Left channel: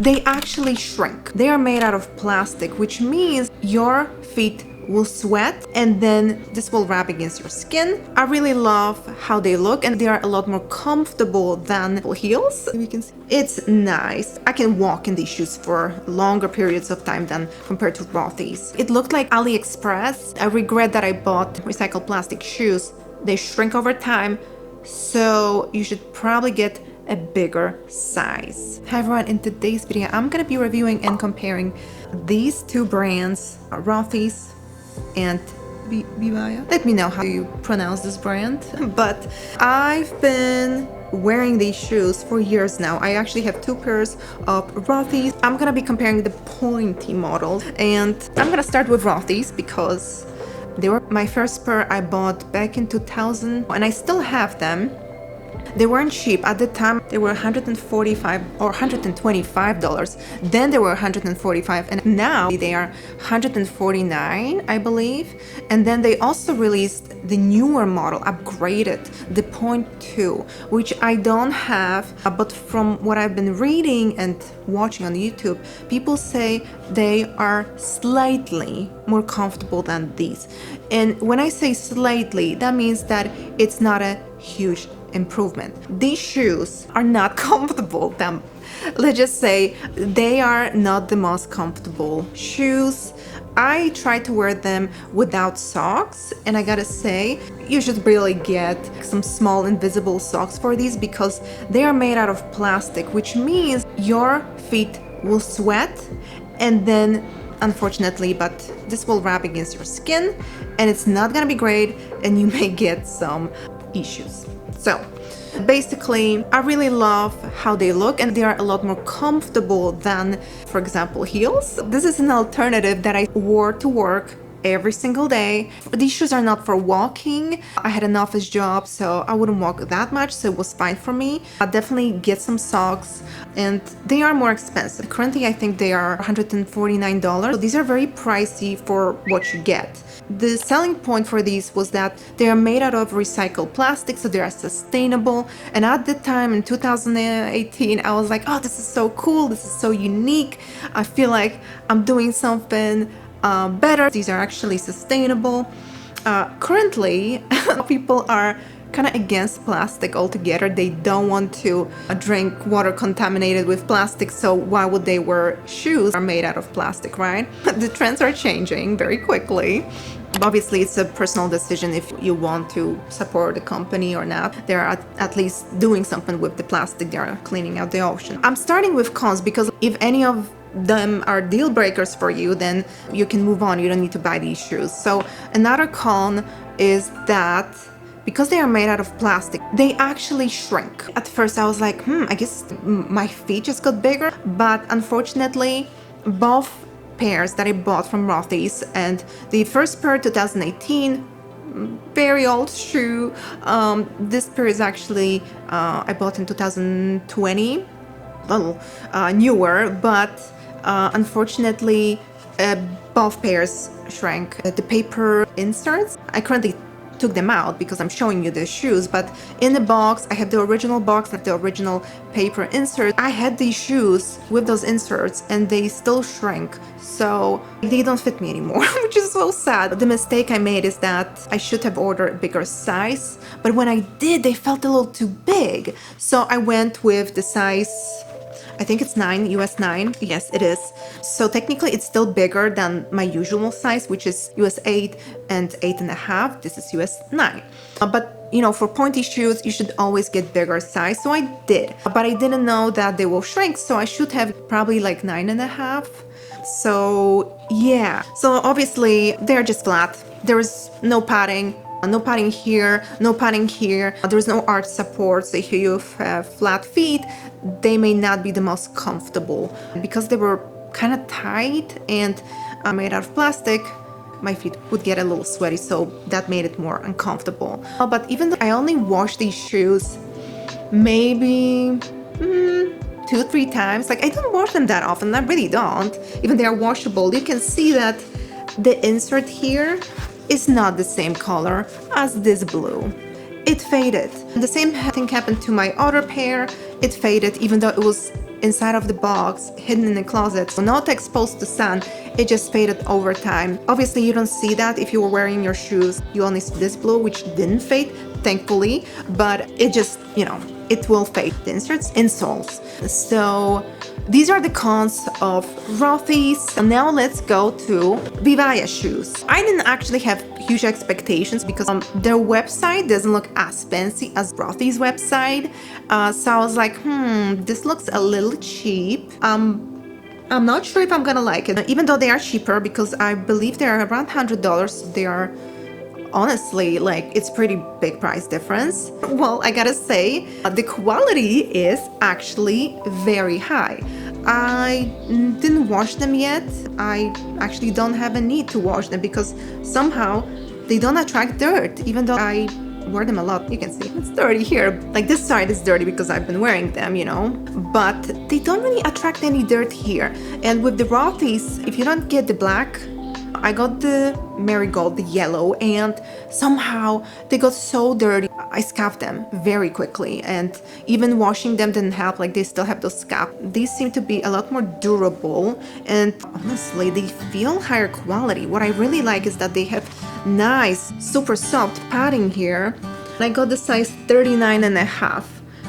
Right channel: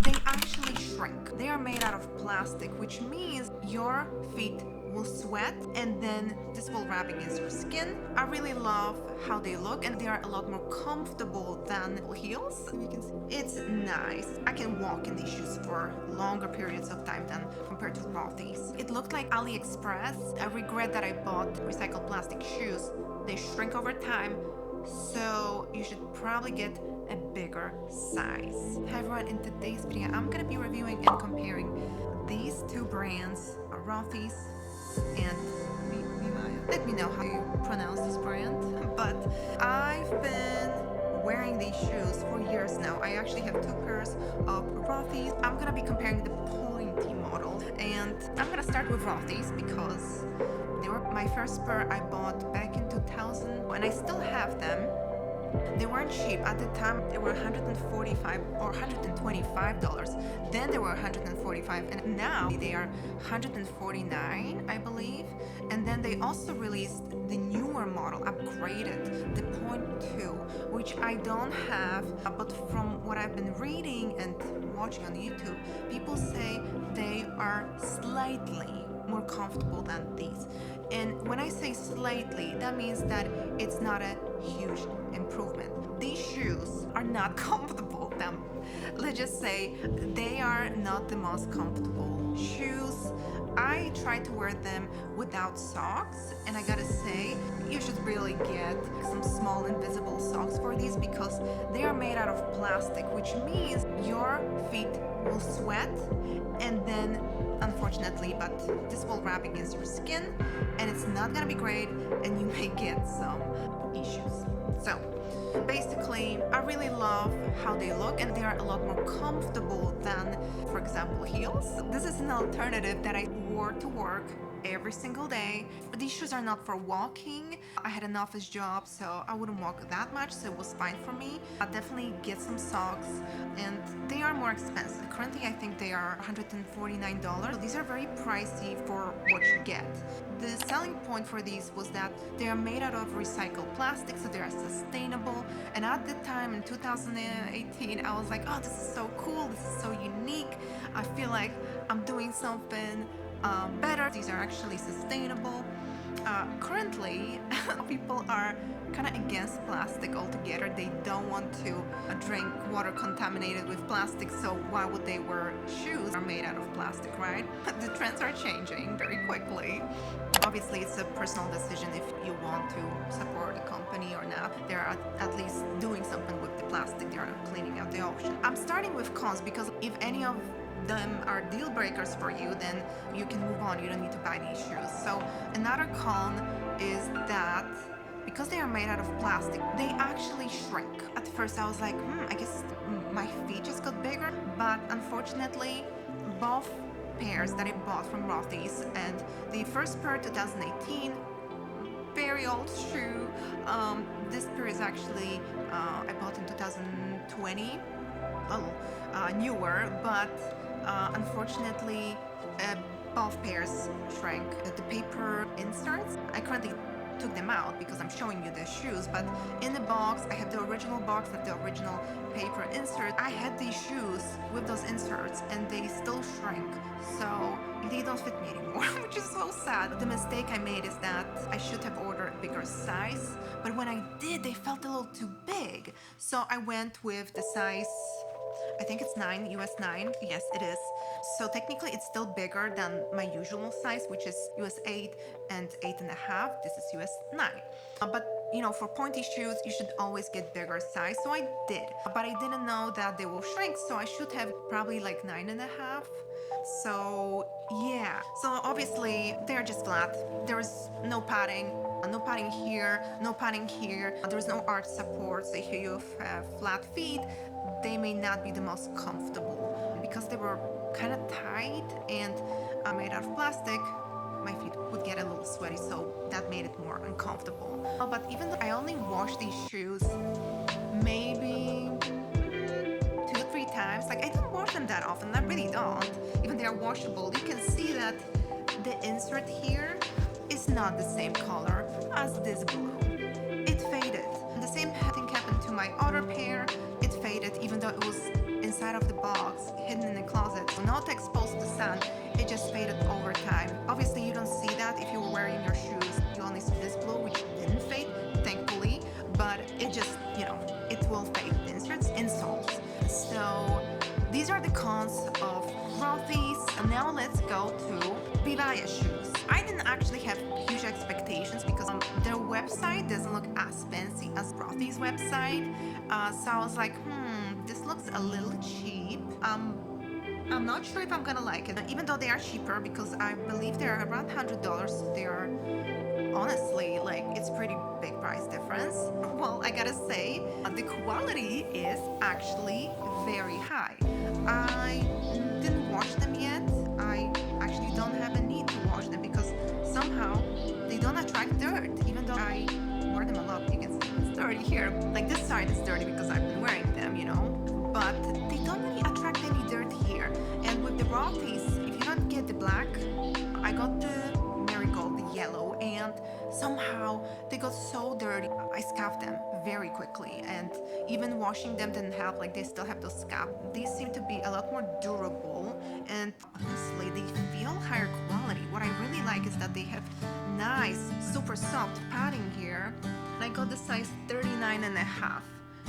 they actually shrink. They are made out of plastic, which means your feet will sweat and then this will wrap against your skin. I really love how they look and they are a lot more comfortable than heels. You can see it's nice. I can walk in these shoes for longer periods of time than compared to Rothys. It looked like AliExpress. I regret that I bought recycled plastic shoes. They shrink over time, so you should probably get a bigger size. Hi everyone, in today's video I'm gonna be reviewing and comparing these two brands, Rothys and Vivaia. Let me know how you pronounce this brand. But I've been wearing these shoes for years now. I actually have two pairs of Rothys. I'm gonna be comparing the pointy model, and I'm gonna start with Rothys because they were my first pair I bought back in 2000 and I still have them. They weren't cheap. At the time, they were $145 or $125. Then they were $145, and now they are $149, I believe. And then they also released the newer model, upgraded, the Point II, which I don't have. But from what I've been reading and watching on YouTube, people say they are slightly more comfortable than these. And when I say slightly, that means that it's not a huge improvement. These shoes are not comfortable. Let's just say they are not the most comfortable shoes. I try to wear them without socks, and I gotta say, you should really get some small invisible socks for these because they are made out of plastic, which means your feet will sweat and then unfortunately, but this will wrap against your skin and it's not gonna be great and you may get some issues. So basically, I really love how they look and they are a lot more comfortable than, for example, heels. This is an alternative that I wore to work every single day. These shoes are not for walking. I had an office job, so I wouldn't walk that much, so it was fine for me. I'll definitely get some socks, and they are more expensive. Currently, I think they are $149. So these are very pricey for what you get. The selling point for these was that they are made out of recycled plastic, so they are sustainable. And at the time in 2018, I was like, oh, this is so cool. This is so unique. I feel like I'm doing something better. These are actually sustainable. Currently, people are kind of against plastic altogether. They don't want to drink water contaminated with plastic, so why would they wear shoes that are made out of plastic, right? The trends are changing very quickly. Obviously, it's a personal decision if you want to support the company or not. They're at least doing something with the plastic. They're cleaning out the ocean. I'm starting with cons because if any of them are deal breakers for you, then you can move on. You don't need to buy these shoes. So another con is that because they are made out of plastic, they actually shrink. At first I was like, I guess my feet just got bigger, but unfortunately both pairs that I bought from Rothys, and the first pair 2018, very old shoe. This pair is actually I bought in 2020, well, newer, but unfortunately both pairs shrank. The paper inserts, I currently took them out because I'm showing you the shoes, but in the box I have the original box, like the original paper insert. I had these shoes with those inserts and they still shrink, so they don't fit me anymore, which is so sad. The mistake I made is that I should have ordered a bigger size, but when I did, they felt a little too big, so I went with the size, I think it's 9, US 9. Yes, it is. So technically it's still bigger than my usual size, which is US 8 and 8.5. This is US 9. But you know, for pointy shoes, you should always get bigger size. So I did, but I didn't know that they will shrink. So I should have probably like 9.5. So yeah, so obviously they're just flat. There is no padding. No padding here, no padding here. There's no arch support, so if you have flat feet, they may not be the most comfortable. Because they were kind of tight and made out of plastic, my feet would get a little sweaty, so that made it more uncomfortable. But even though I only washed these shoes maybe 2-3 times, like I don't wash them that often, I really don't. Even they are washable, you can see that the insert here is not the same color as this blue. It faded. The same thing happened to my other pair. It faded even though it was inside of the box, hidden in the closet, so not exposed to sun. It just faded over time. Obviously, you don't see that if you were wearing your shoes. You only see this blue, which didn't fade, thankfully, but it just, you know, it will fade. The insoles. So these are the cons of Rothys. And now let's go to Vivaia shoes. I didn't actually have huge expectations because their website doesn't look as fancy as Rothys' website. So I was like, this looks a little cheap. I'm not sure if I'm gonna like it, even though they are cheaper, because I believe they are around $100. So they are honestly, like, it's pretty big price difference. Well, I gotta say, the quality is actually very high. I didn't wash them yet. I actually don't have a need to wash them because somehow they don't attract dirt, even though I wear them a lot. You can see it's dirty here. Like, this side is dirty because I've been wearing them, you know, but they don't really attract any dirt here. And with the Rothys, if you don't get the black, I got the marigold, the yellow, and somehow they got so dirty. I scuffed them very quickly, and even washing them didn't help. Like, they still have those scuffs. These seem to be a lot more durable, and honestly, they feel higher quality. What I really like is that they have nice, super soft padding here. I got the size 39.5,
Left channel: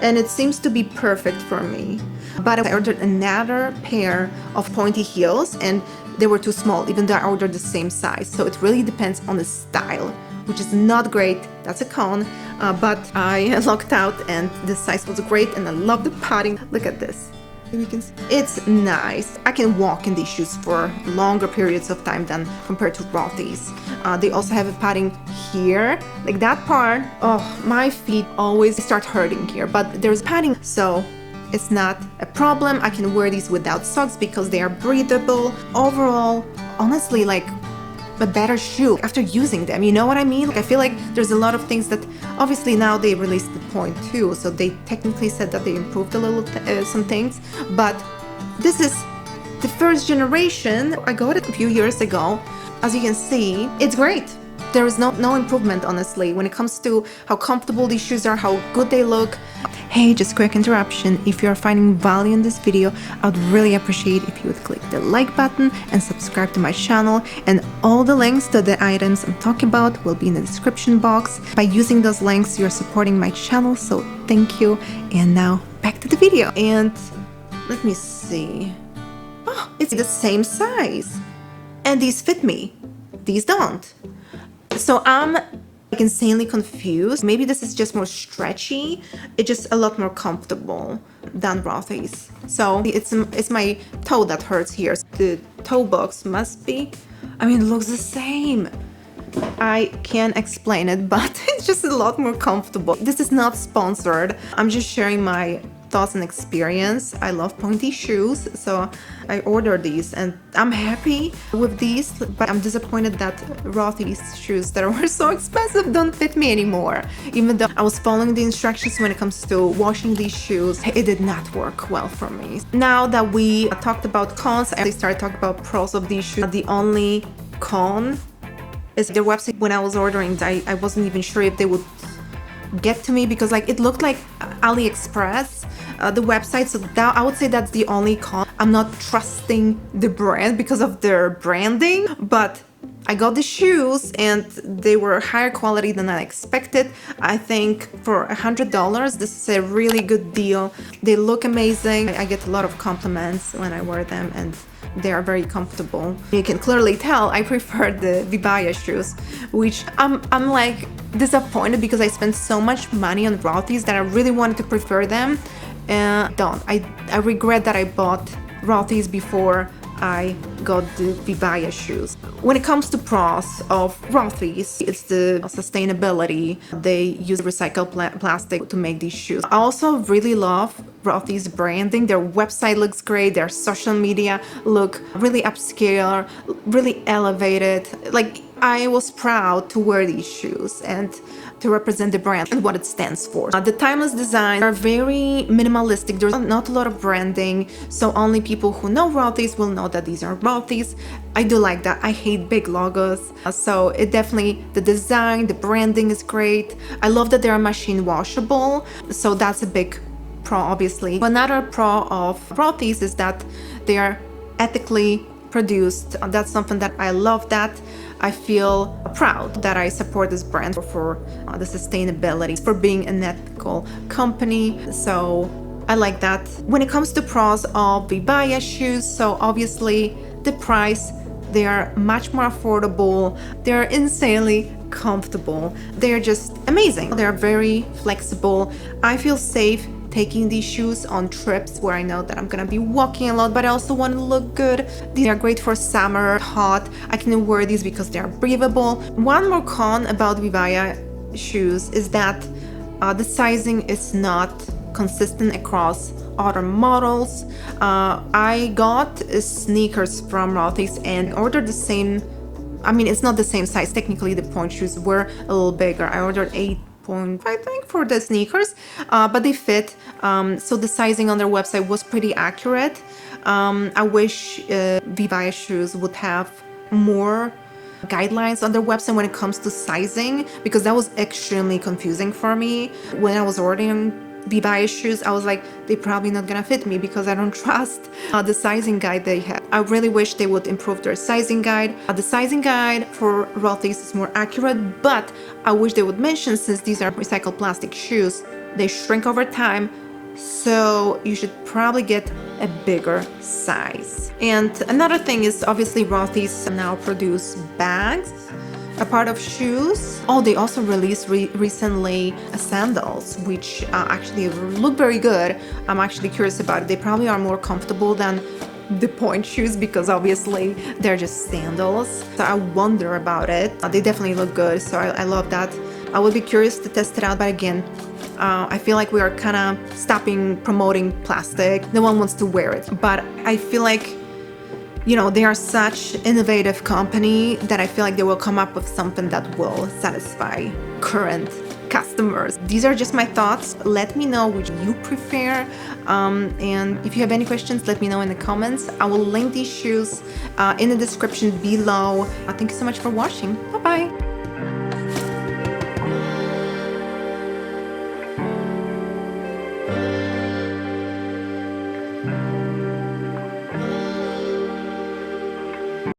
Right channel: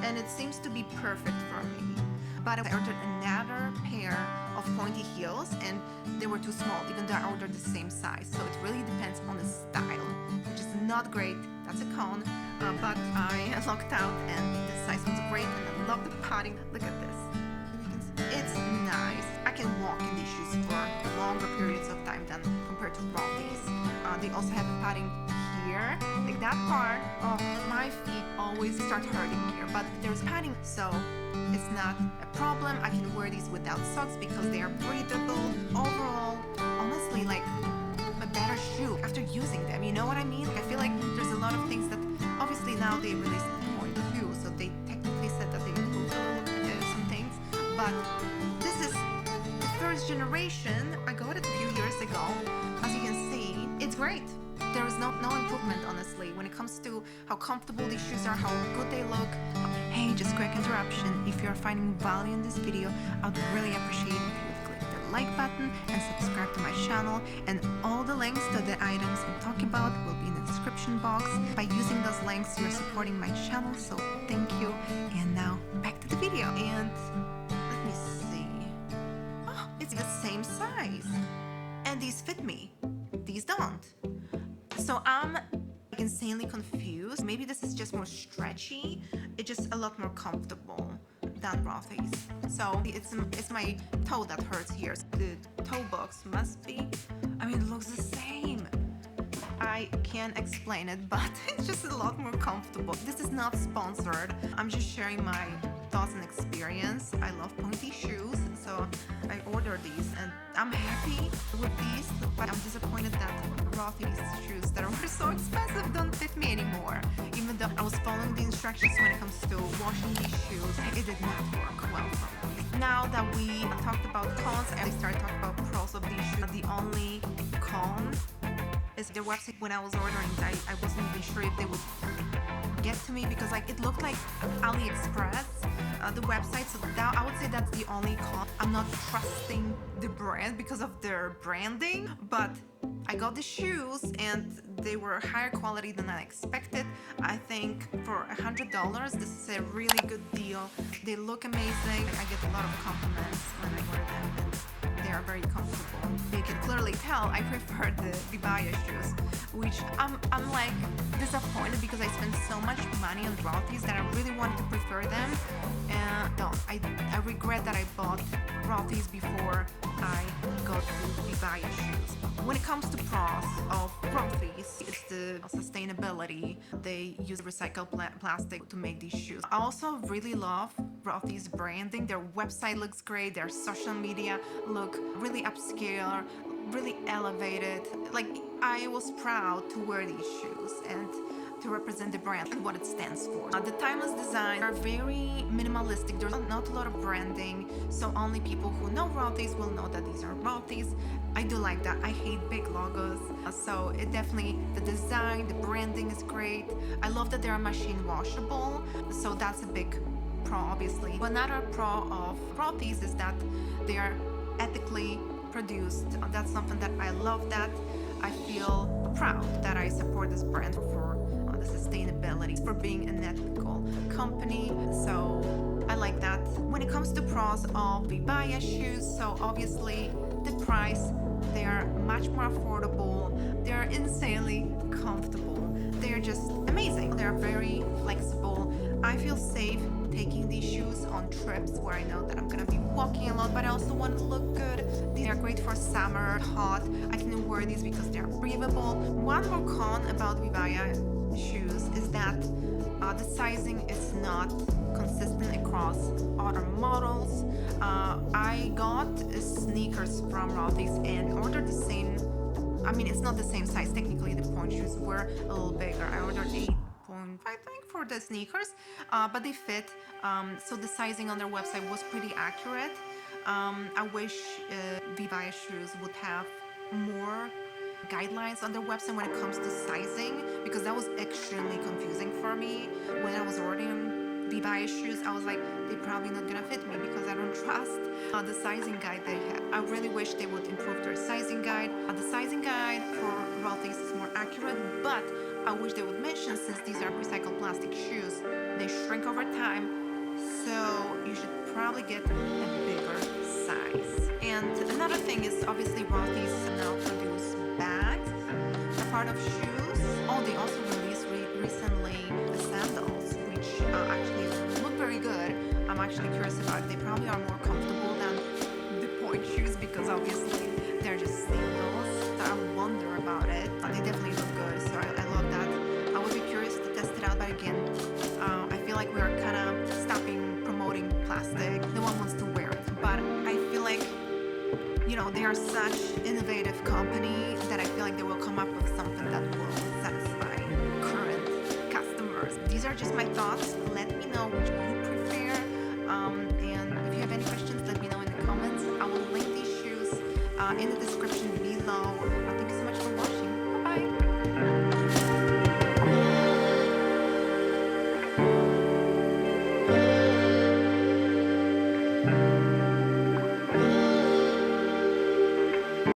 and it seems to be perfect for me. But I ordered another pair of pointy heels, and they were too small, even though I ordered the same size. So it really depends on the style, which is not great. That's a con, but I lucked out, and the size was great, and I love the padding. Look at this. You can see. It's nice. I can walk in these shoes for longer periods of time than compared to Rothys. They also have a padding here, like that part. Oh, my feet always start hurting here, but there's padding, so it's not a problem. I can wear these without socks because they are breathable. Overall, honestly, like, a better shoe after using them, you know what I mean? Like, I feel like there's a lot of things that, obviously now they released the Point II, so they technically said that they improved a little some things, but this is the first generation. I got it a few years ago. As you can see, it's great. There is no improvement, honestly, when it comes to how comfortable these shoes are, how good they look. Hey, just quick interruption. If you are finding value in this video, I would really appreciate if you would click the like button and subscribe to my channel. And all the links to the items I'm talking about will be in the description box. By using those links, you're supporting my channel, so thank you. And now back to the video. And let me see. Oh, it's the same size. And these fit me. These don't. So I'm like insanely confused. Maybe this is just more stretchy. It's just a lot more comfortable than Rothys. So it's my toe that hurts here. The toe box must be, I mean, it looks the same. I can't explain it, but it's just a lot more comfortable. This is not sponsored. I'm just sharing my thoughts and experience. I love pointy shoes, so I ordered these, and I'm happy with these, but I'm disappointed that Rothys shoes that were so expensive don't fit me anymore. Even though I was following the instructions when it comes to washing these shoes, it did not work well for me. Now that we talked about cons, I started talking about pros of these shoes. The only con is their website. When I was ordering, I wasn't even sure if they would get to me because, like, it looked like AliExpress, the website. So that, I would say that's the only con. I'm not trusting the brand because of their branding, but I got the shoes and they were higher quality than I expected. I think for $100, this is a really good deal. They look amazing. I get a lot of compliments when I wear them, and they are very comfortable. You can clearly tell I prefer the Vivaia shoes, which I'm like disappointed because I spent so much money on Rothys that I really wanted to prefer them. I regret that I bought Rothys before I got the Vivaia shoes. When it comes to pros of Rothys, it's the sustainability. They use recycled plastic to make these shoes. I also really love Rothys branding. Their website looks great. Their social media look really upscale, really elevated. Like, I was proud to wear these shoes and to represent the brand and what it stands for. The timeless designs are very minimalistic. There's not a lot of branding, so only people who know Rothys will know that these are Rothys. I do like that. I hate big logos, so it definitely, the design, the branding is great. I love that they are machine washable, so that's a big pro, obviously. Another pro of Rothys is that they are ethically produced. That's something that I love, that I feel proud that I support this brand for the sustainability, for being an ethical company. So I like that. When it comes to pros of Vivaia shoes, so obviously the price, they are much more affordable, they're insanely comfortable, they're just amazing, they're very flexible. I feel safe taking these shoes on trips where I know that I'm gonna be walking a lot, but I also want to look good. These are great for summer, hot. I can wear these because they are breathable. One more con about Vivaia shoes is that the sizing is not consistent across other models. I got sneakers from Rothys and ordered the same, I mean, it's not the same size. Technically, the point shoes were a little bigger. I ordered 8.5, I think, for the sneakers, but they fit. So the sizing on their website was pretty accurate. I wish Vivaia shoes would have more guidelines on their website when it comes to sizing, because that was extremely confusing for me when I was ordering Vivaia shoes. I was like, they're probably not gonna fit me because I don't trust the sizing guide they have. I really wish they would improve their sizing guide. The sizing guide for Rothys is more accurate, but I wish they would mention, since these are recycled plastic shoes, they shrink over time, so you should probably get a bigger size. And another thing is, obviously Rothys now produce bags, a part of shoes. Oh, they also released recently sandals, which actually look very good. I'm actually curious about it. They probably are more comfortable than the point shoes because obviously they're just sandals. So I wonder about it. They definitely look good, so I love that. I would be curious to test it out, but again, I feel like we are kind of stopping promoting plastic. No one wants to wear it, but I feel like, you know, they are such innovative company that I feel like they will come up with something that will satisfy current customers. These are just my thoughts. Let me know which you prefer. And if you have any questions, let me know in the comments. I will link these shoes in the description below. Thank you so much for watching. Bye-bye.